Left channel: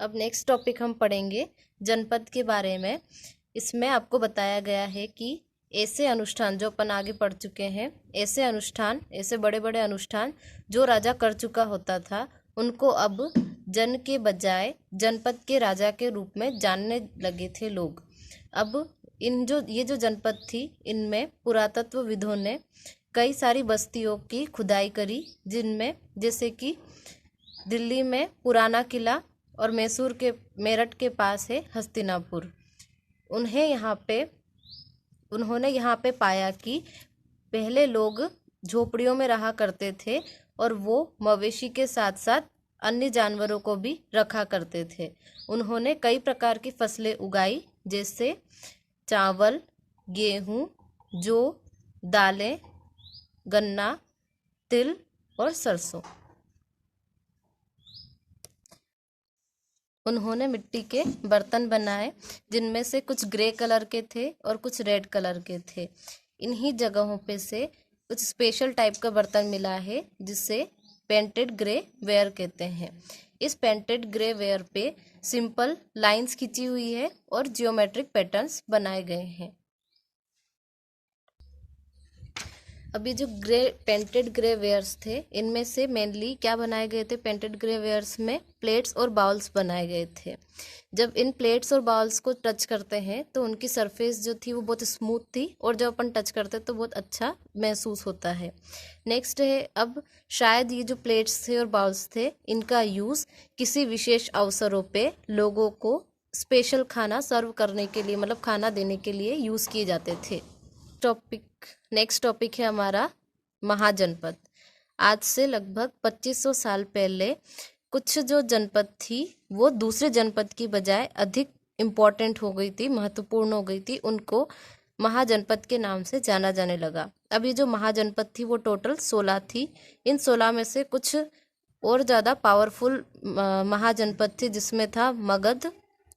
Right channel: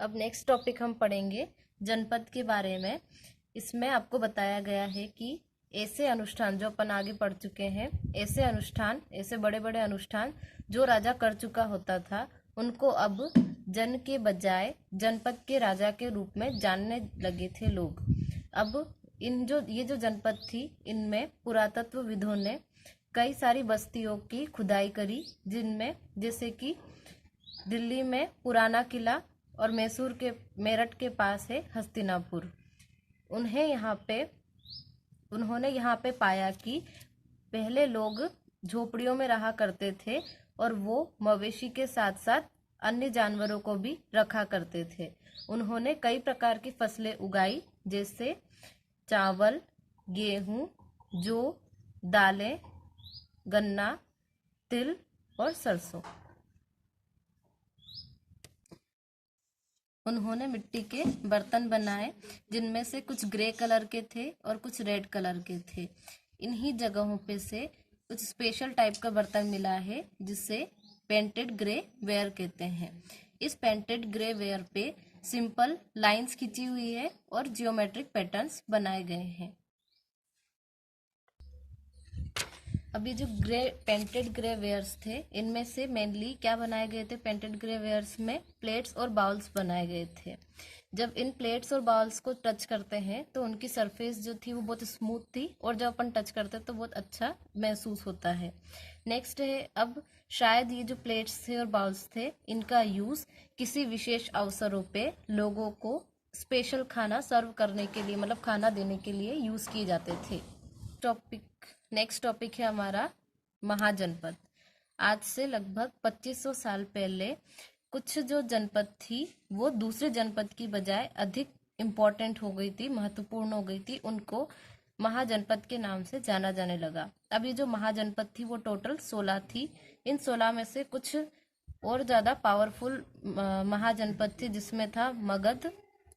अब next topic हम पढ़ेंगे जनपद के बारे में। इसमें आपको बताया गया है कि ऐसे अनुष्ठान जो अपन आगे पढ़ चुके हैं, ऐसे अनुष्ठान, ऐसे बड़े बड़े अनुष्ठान जो राजा कर चुका होता था, उनको अब जन के बजाय जनपद के राजा के रूप में जानने लगे थे लोग। अब ये जो जनपद थी, इनमें पुरातत्वविदों ने कई सारी बस्तियों की खुदाई करी, जिनमें जैसे कि दिल्ली में पुराना किला और मेरठ के पास है हस्तिनापुर। उन्होंने यहाँ पे पाया कि पहले लोग झोपड़ियों में रहा करते थे और वो मवेशी के साथ साथ अन्य जानवरों को भी रखा करते थे। उन्होंने कई प्रकार की फसलें उगाई, जैसे चावल, गेहूँ, जौ, दालें, गन्ना, तिल और सरसों। उन्होंने मिट्टी के बर्तन बनाए, जिनमें से कुछ ग्रे कलर के थे और कुछ रेड कलर के थे। इन्हीं जगहों पे से कुछ स्पेशल टाइप का बर्तन मिला है, जिसे पेंटेड ग्रे वेयर कहते हैं। इस पेंटेड ग्रे वेयर पे सिंपल लाइंस खींची हुई है और जियोमेट्रिक पैटर्न्स बनाए गए हैं। अभी जो पेंटेड ग्रे वेयर्स थे, इनमें से मेनली क्या बनाए गए थे? पेंटेड ग्रे वेयर्स में प्लेट्स और बाउल्स बनाए गए थे। जब इन प्लेट्स और बाउल्स को टच करते हैं तो उनकी सरफेस जो थी वो बहुत स्मूथ थी, और जब अपन टच करते तो बहुत अच्छा महसूस होता है। नेक्स्ट है, अब शायद ये जो प्लेट्स थे और बाउल्स थे, इनका यूज़ किसी विशेष अवसरों पे लोगों को स्पेशल खाना सर्व करने के लिए, मतलब खाना देने के लिए यूज़ किए जाते थे। नेक्स्ट टॉपिक है हमारा महाजनपद। आज से लगभग 2500 साल पहले कुछ जो जनपद थी वो दूसरे जनपद की बजाय अधिक इम्पोर्टेंट हो गई थी, महत्वपूर्ण हो गई थी। उनको महाजनपद के नाम से जाना जाने लगा। अब ये जो महाजनपद थी वो टोटल 16 थी। इन 16 में से कुछ और ज़्यादा पावरफुल महाजनपद थे, जिसमें था मगध,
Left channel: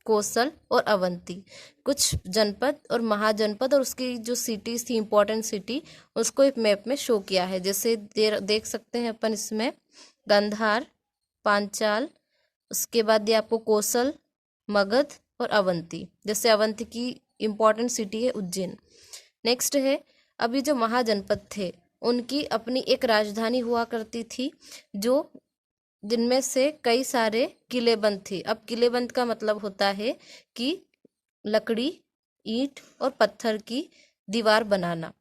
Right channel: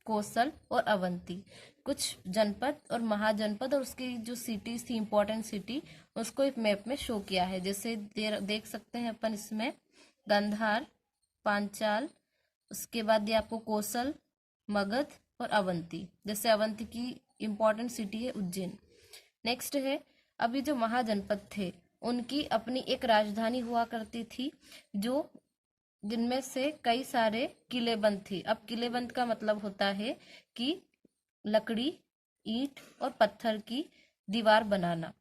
कोसल और अवंती। कुछ जनपद और महाजनपद और उसकी जो सिटीज थी, इंपॉर्टेंट सिटी, उसको एक मैप में शो किया है। जैसे देख सकते हैं अपन इसमें गांधार, पांचाल, उसके बाद ये आपको कोसल, मगध और अवंती। जैसे अवंती की इंपॉर्टेंट सिटी है उज्जैन। नेक्स्ट है, अभी जो महाजनपद थे उनकी अपनी एक राजधानी हुआ करती थी, जिनमें से कई सारे किलेबंद थे। अब किलेबंद का मतलब होता है कि लकड़ी, ईंट और पत्थर की दीवार बनाना।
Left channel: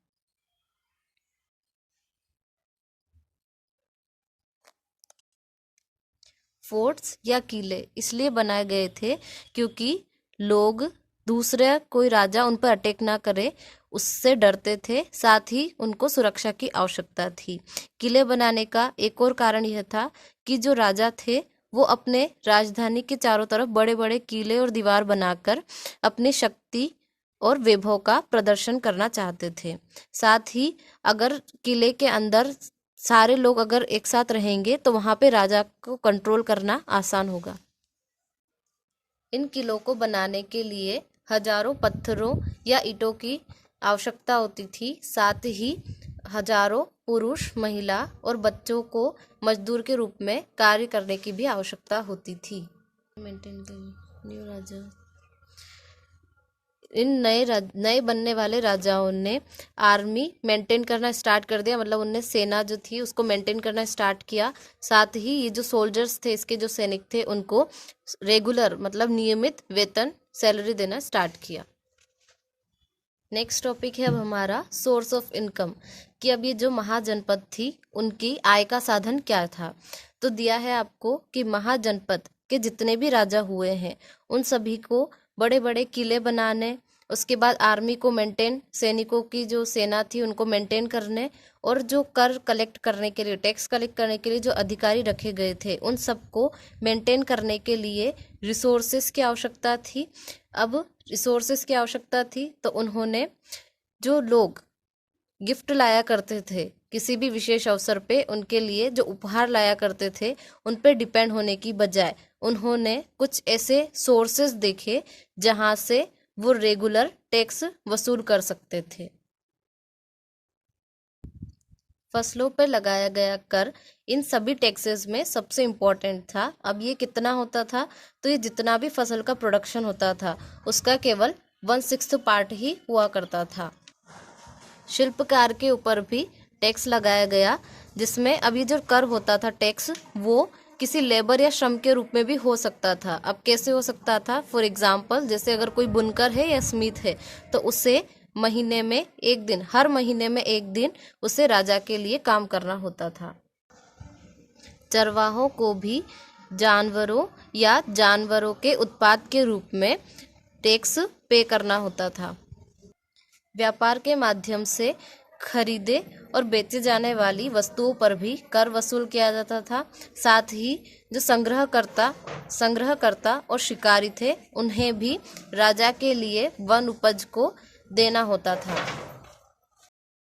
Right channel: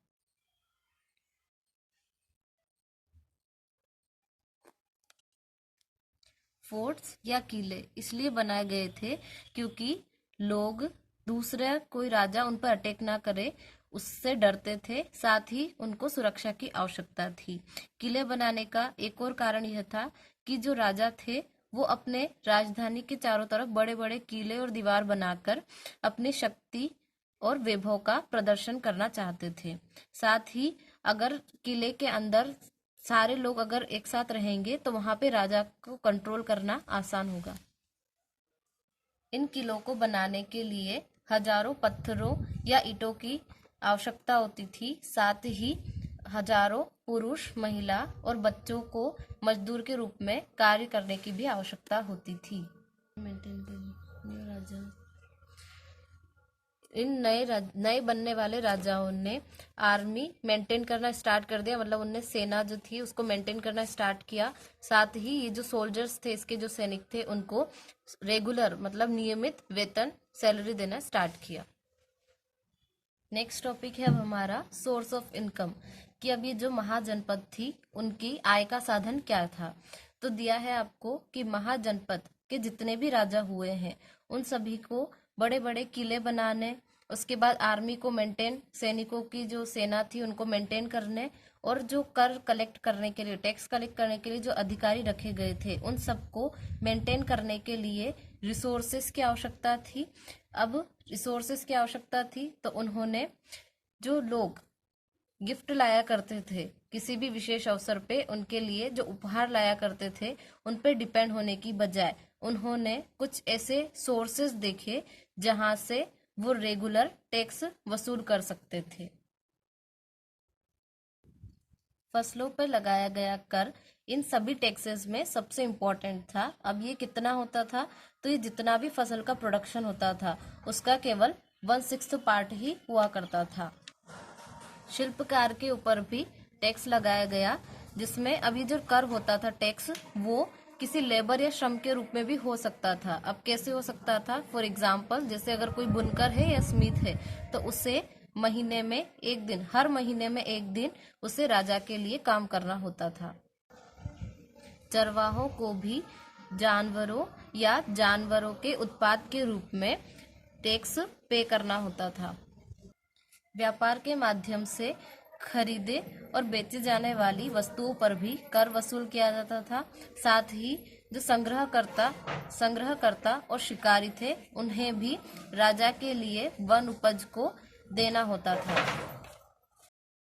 फोर्ट्स या किले इसलिए बनाए गए थे क्योंकि लोग दूसरे कोई राजा उन पर अटैक ना करे, उससे डरते थे। साथ ही उनको सुरक्षा की आवश्यकता थी। किले बनाने का एक और कारण यह था कि जो राजा थे वो अपने राजधानी के चारों तरफ बड़े बड़े किले और दीवार बनाकर अपनी शक्ति और वैभव का प्रदर्शन करना चाहते थे। साथ ही अगर किले के अंदर सारे लोग अगर एक साथ रहेंगे तो वहां पे राजा को कंट्रोल करना आसान होगा। इन किलों को बनाने के लिए हजारों पत्थरों या ईंटों की आवश्यकता होती थी। साथ ही हजारों पुरुष, महिला और बच्चों को मजदूर के रूप में कार्य करने की भी आवश्यकता होती थी। मेंटेन न्यू राजा इन नए बनने वाले राजाओं ने आर्मी मेंटेन करना स्टार्ट कर दिया, मतलब उनने सेना जो थी उसको मेंटेन करना स्टार्ट किया। साथ ही ये जो सोल्जर्स थे, इसके जो सैनिक थे, उनको रेगुलर मतलब नियमित वेतन, सैलरी देना स्टार्ट किया। नेक्स्ट टॉपिक है अब हमारा सोर्स ऑफ इनकम, कि अब ये जो महाजनपद थी उनकी आय का साधन क्या था। तो दिया है आपको कि महाजनपद के जितने भी राजा हुए हैं उन सभी को बड़े बड़े किले बनाने, उसके बाद आर्मी को मेंटेन, सैनिकों की जो सेना थी उनको मेंटेन करने, और जो कर कलेक्ट करने के लिए, टैक्स कलेक्ट करने के लिए जो अधिकारी रखे गए थे, उन सबको मेंटेन करने के लिए रिसोर्सेस की आवश्यकता थी। अब रिसोर्सेस की आवश्यकता थी तो उन्होंने, जो लोग गिफ्ट लाया करते थे किसी भी विशेष अवसर पे, उनके लिए जो उपहार लाया करते थे, उन पे डिपेंड होने की बजाय उन्होंने कुछ ऐसे सोर्सेस देखे जहां से वो रेगुलर टैक्स वसूल कर सकते थे। फसलों पर लगाया गया कर इन सभी टैक्सेस में सबसे इम्पोर्टेंट था। अब ये कितना होता था, तो ये जितना भी फसल का प्रोडक्शन होता था उसका केवल 1/6 पार्ट ही हुआ करता था। शिल्पकार के ऊपर भी टैक्स लगाया गया, जिसमें अब ये जो कर होता था टैक्स, वो किसी लेबर या श्रम के रूप में भी हो सकता था। अब कैसे हो सकता था? फॉर एग्जाम्पल, जैसे अगर कोई बुनकर है या स्मिथ है तो उसे महीने में एक दिन, हर महीने में एक दिन उसे राजा के लिए काम करना होता था। चरवाहों को भी जानवरों या जानवरों के उत्पाद के रूप में टैक्स पे करना होता था। व्यापार के माध्यम से खरीदे और बेचे जाने वाली वस्तुओं पर भी कर वसूल किया जाता था। साथ ही जो संग्रहकर्ता और शिकारी थे, उन्हें भी राजा के लिए वन उपज को देना होता था।